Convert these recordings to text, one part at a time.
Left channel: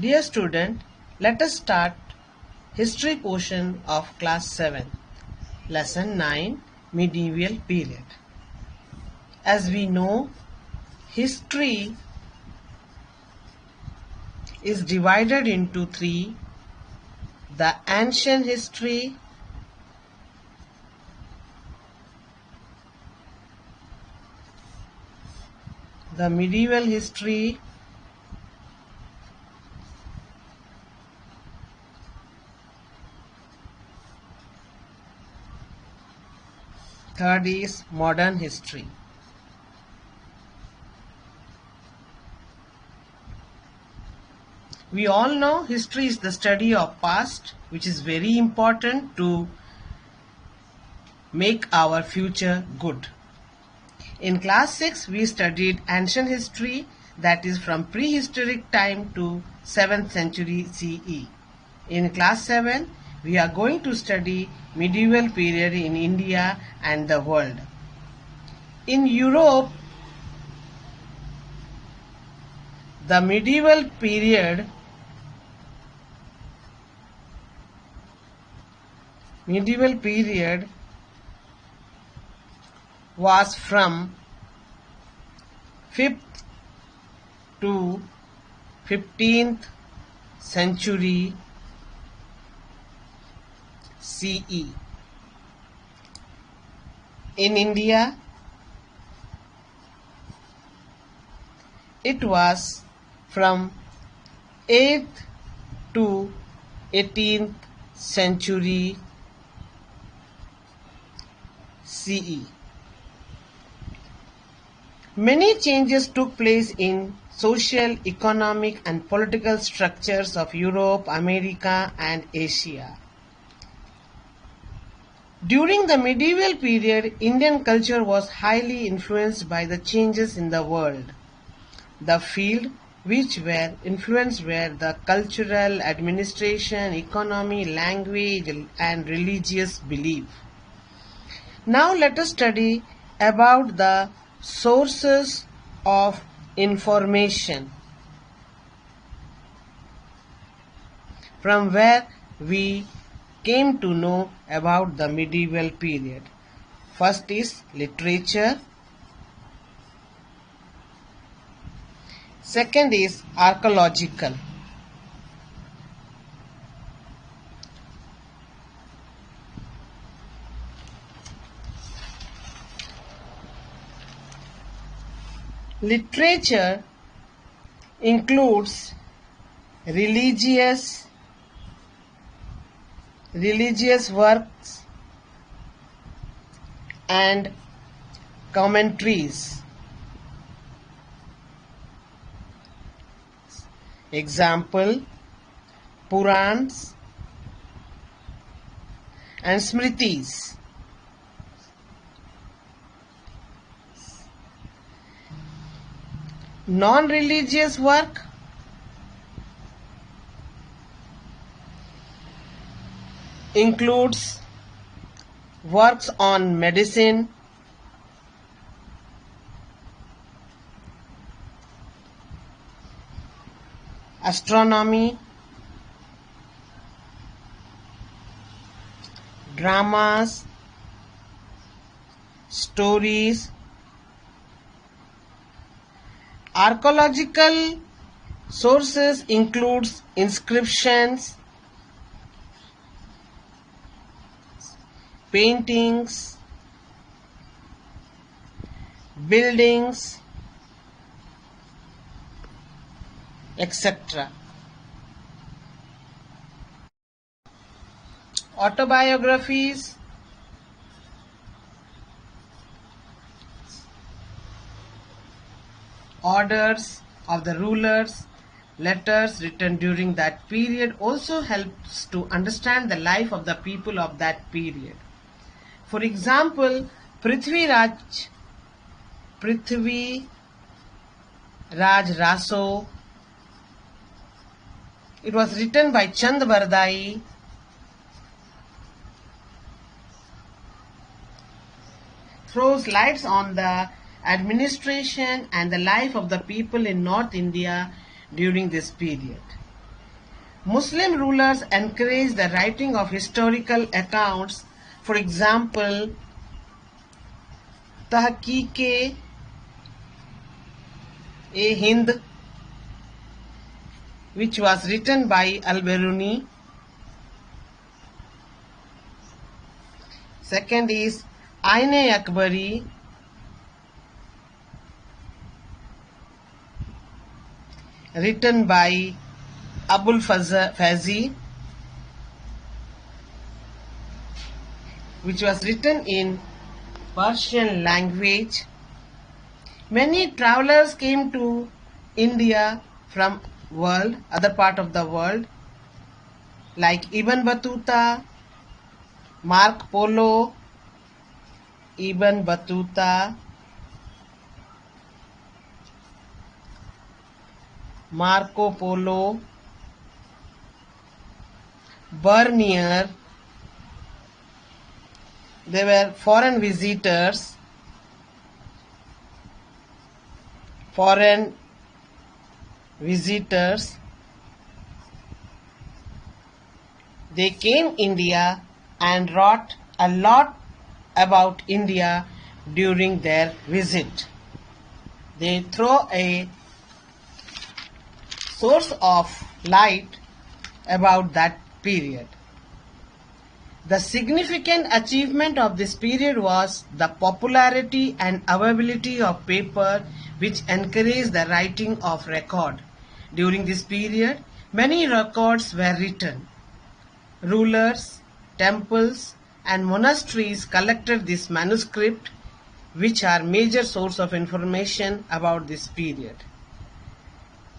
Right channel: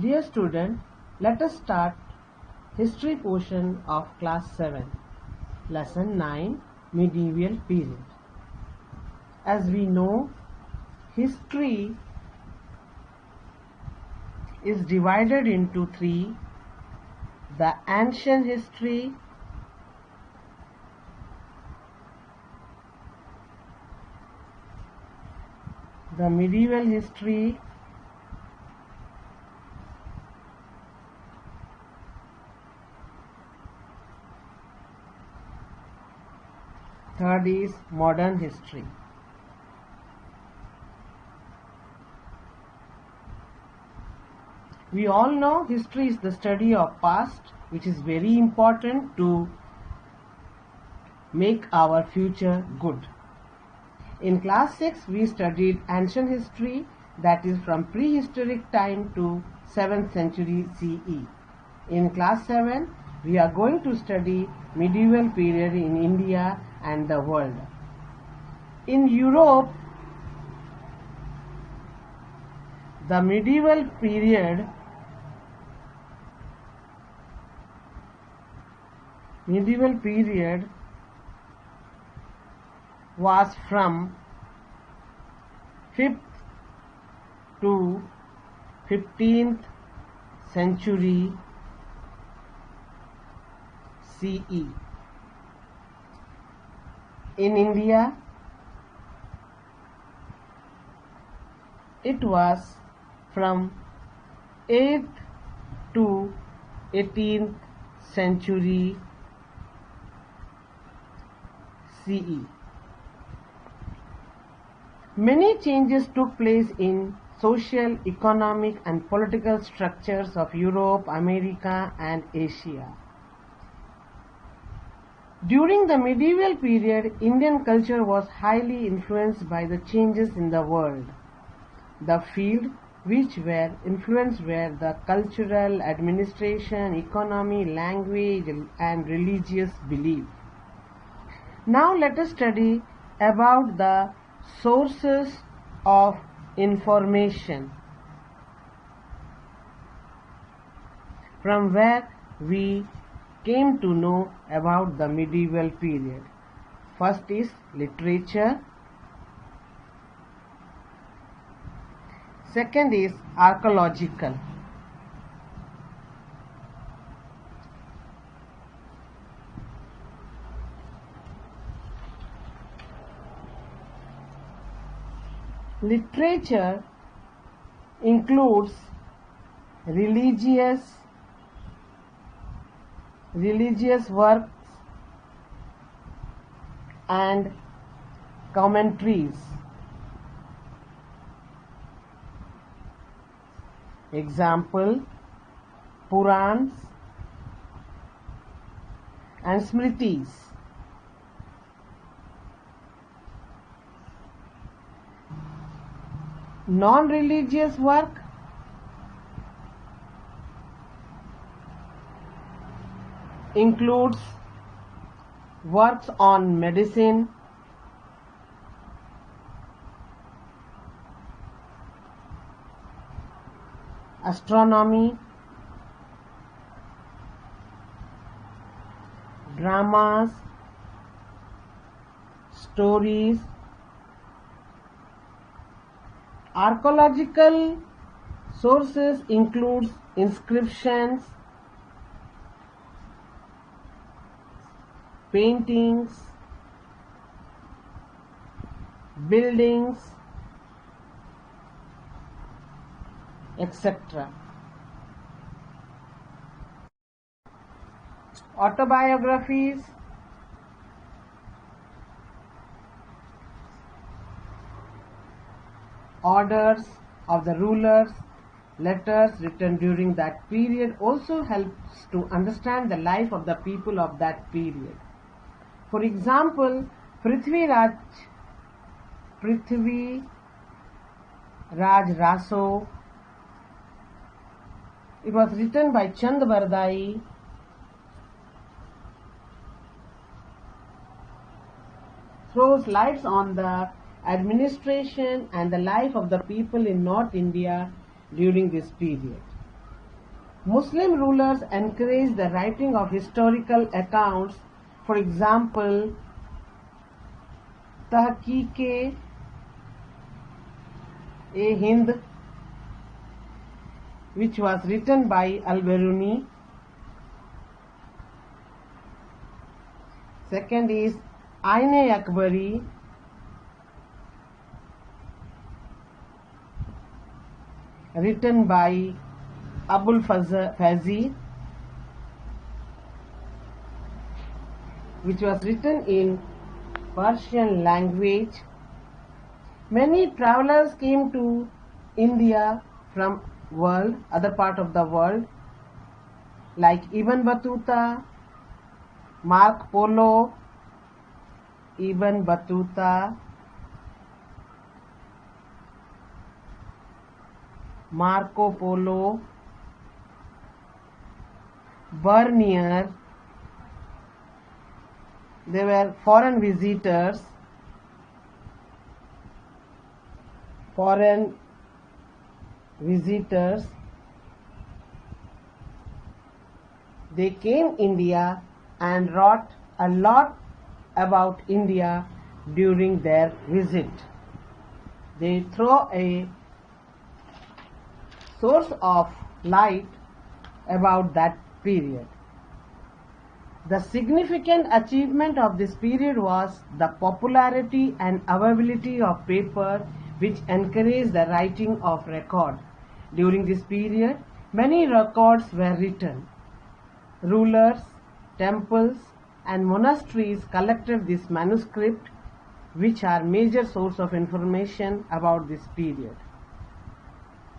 Dear student, let us start history portion of class 7, lesson 9, medieval period. As we know, history is divided into three: the ancient history, the medieval history, third is modern history. We all know history is the study of past, which is very important to make our future good. In class 6, we studied ancient history, that is from prehistoric time to 7th century CE. In class 7, we are going to study medieval period in India and the world. In Europe, the medieval period was from 5th to 15th century CE. In India, it was from 8th to 18th century CE. Many changes took place in social, economic and political structures of Europe, America and Asia. During the medieval period, Indian culture was highly influenced by the changes in the world. The field which were influenced were the cultural, administration, economy, language and religious belief. Now let us study about the sources of information from where we came to know about the medieval period. First is literature. Second is archaeological. Literature includes religious works and commentaries. Example, Purans and Smritis. Non-religious work includes works on medicine, astronomy, dramas, stories. Archaeological sources includes inscriptions, paintings, buildings, etc. Autobiographies, orders of the rulers, letters written during that period also helps to understand the life of the people of that period. For example, Prithvi Raj Raso, it was written by Chand Bardai, throws lights on the administration and the life of the people in North India during this period. Muslim rulers encouraged the writing of historical accounts. For example, Tahqiq-e-Hind, which was written by Al-Biruni. Second is Ain-e-Akbari, written by Abul Fazi, which was written in Persian language. Many travelers came to India from other part of the world, like Ibn Battuta, Marco Polo, Ibn Battuta, Marco Polo, Bernier. They were foreign visitors, They came India and wrote a lot about India during their visit. They throw a source of light about that period. The significant achievement of this period was the popularity and availability of paper, which encouraged the writing of record. During this period, many records were written. Rulers, temples, and monasteries collected this manuscript, which are major source of information about this period.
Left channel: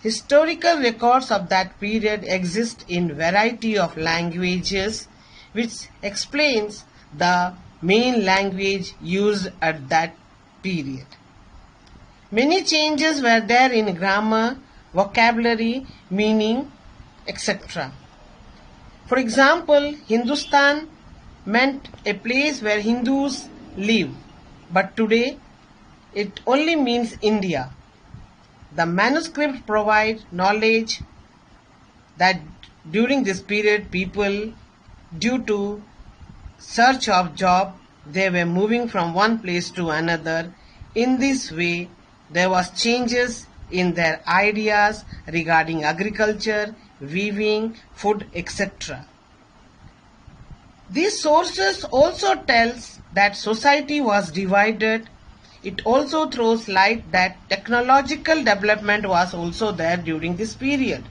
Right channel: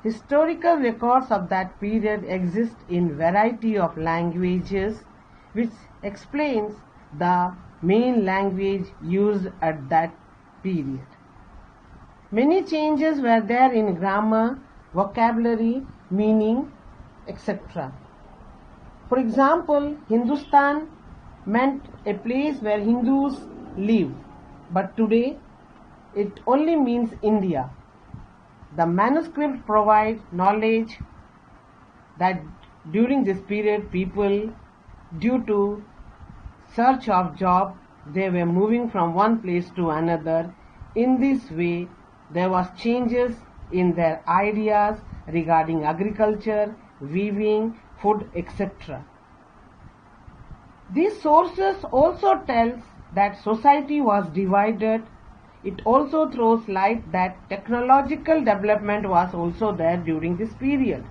Historical records of that period exist in variety of languages, which explains the main language used at that period. Many changes were there in grammar, vocabulary, meaning, etc. For example, Hindustan meant a place where Hindus live, but today it only means India. The manuscripts provide knowledge that during this period people, due to search of job, they were moving from one place to another. In this way, there was changes in their ideas regarding agriculture, weaving, food, etc. These sources also tells that society was divided. It also throws light that technological development was also there during this period.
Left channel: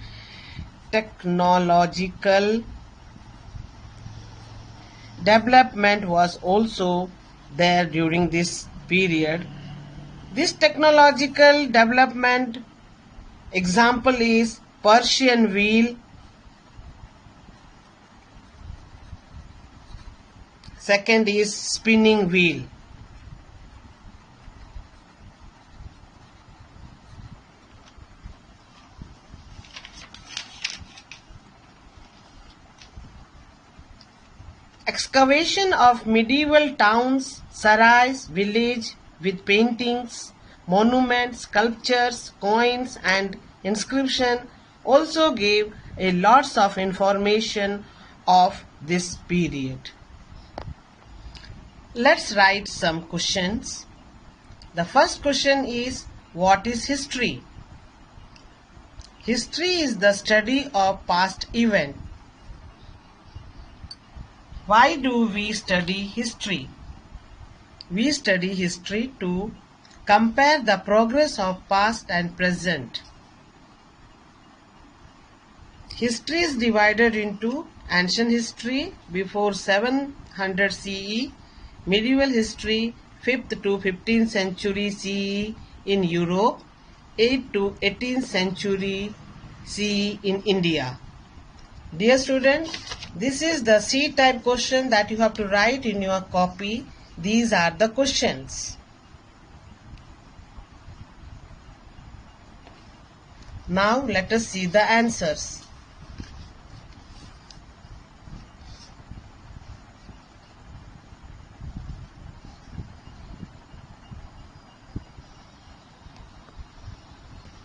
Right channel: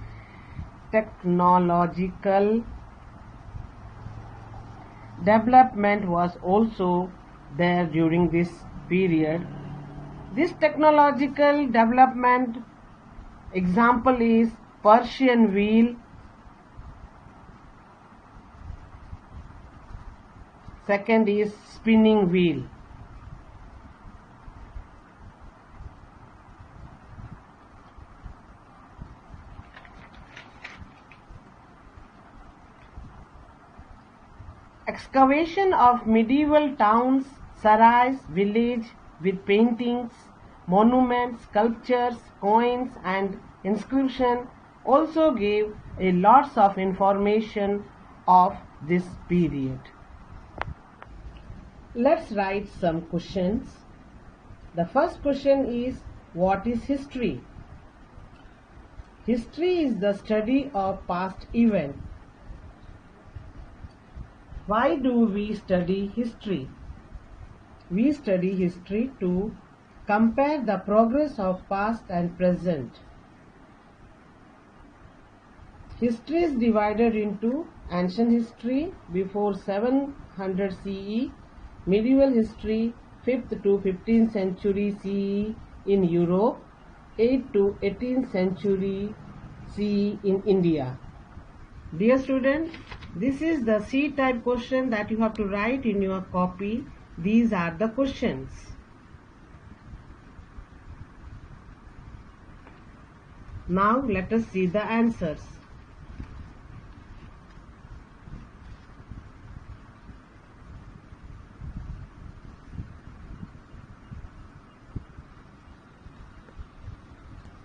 Technological development was also there during this period. This technological development example is Persian wheel. Second is spinning wheel. Excavation of medieval towns, sarais, village with paintings, monuments, sculptures, coins and inscription also gave a lots of information of this period. Let's write some questions. The first question is, what is history? History is the study of past events. Why do we study history? We study history to compare the progress of past and present. History is divided into ancient history before 700 CE, medieval history 5th to 15th century CE in Europe, 8th to 18th century CE in India. Dear students, this is the C-type question that you have to write in your copy. These are the questions. Now let us see the answers.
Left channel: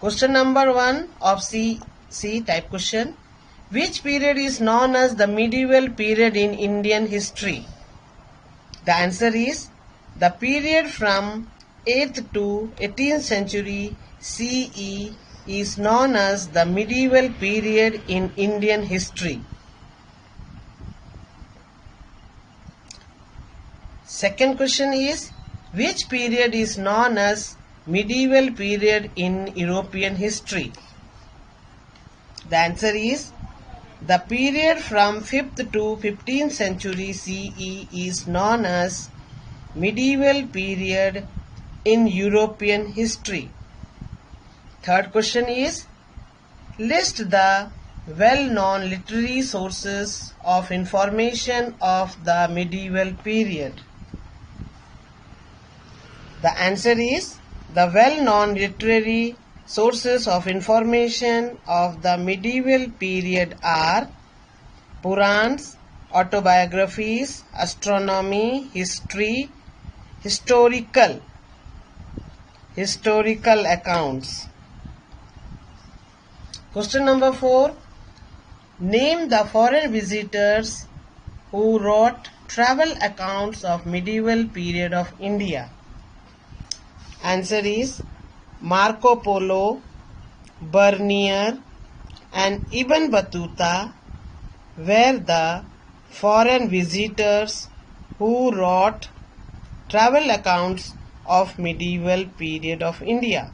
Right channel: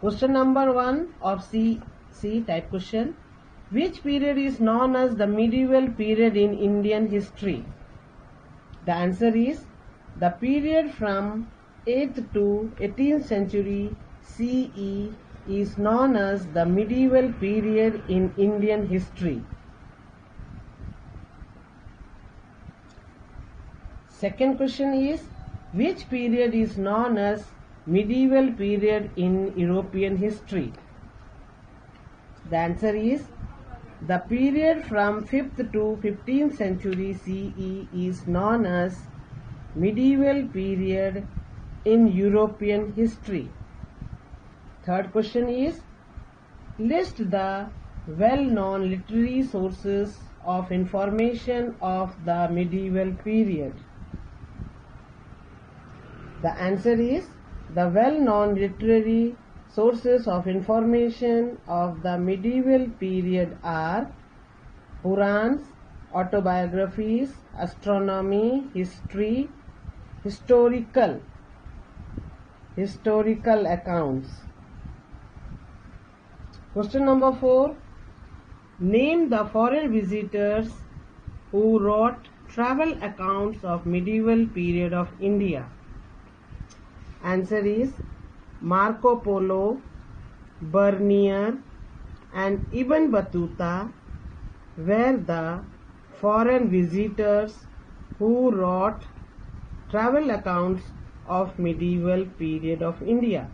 Question number 1 of C type question. Which period is known as the medieval period in Indian history? The answer is the period from 8th to 18th century CE is known as the medieval period in Indian history. Second question is, which period is known as medieval period in European history? The answer is the period from 5th to 15th century CE is known as medieval period in European history. Third question is, list the well-known literary sources of information of the medieval period. The answer is the well-known literary sources of information of the medieval period are Purans, autobiographies, astronomy, history, historical accounts. Question number 4. Name the foreign visitors who wrote travel accounts of medieval period of India. Answer is Marco Polo, Bernier and Ibn Battuta were the foreign visitors who wrote travel accounts of medieval period of India.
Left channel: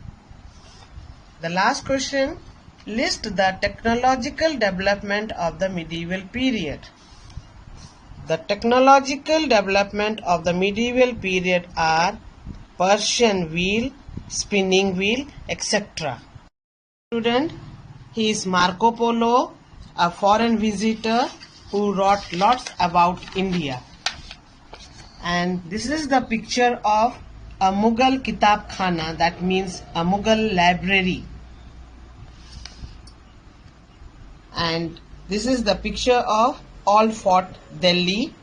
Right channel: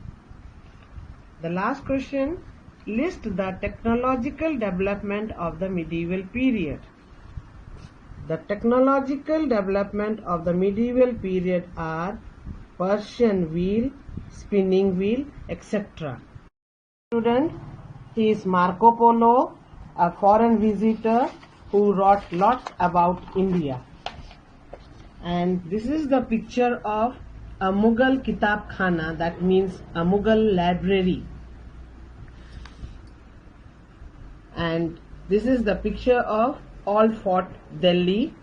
The last question, list the technological development of the medieval period. The technological development of the medieval period are Persian wheel, spinning wheel, etc. Student, he is Marco Polo, a foreign visitor who wrote lots about India. And this is the picture of a Mughal Kitab Khana, that means a Mughal library. And this is the picture of Old Fort Delhi.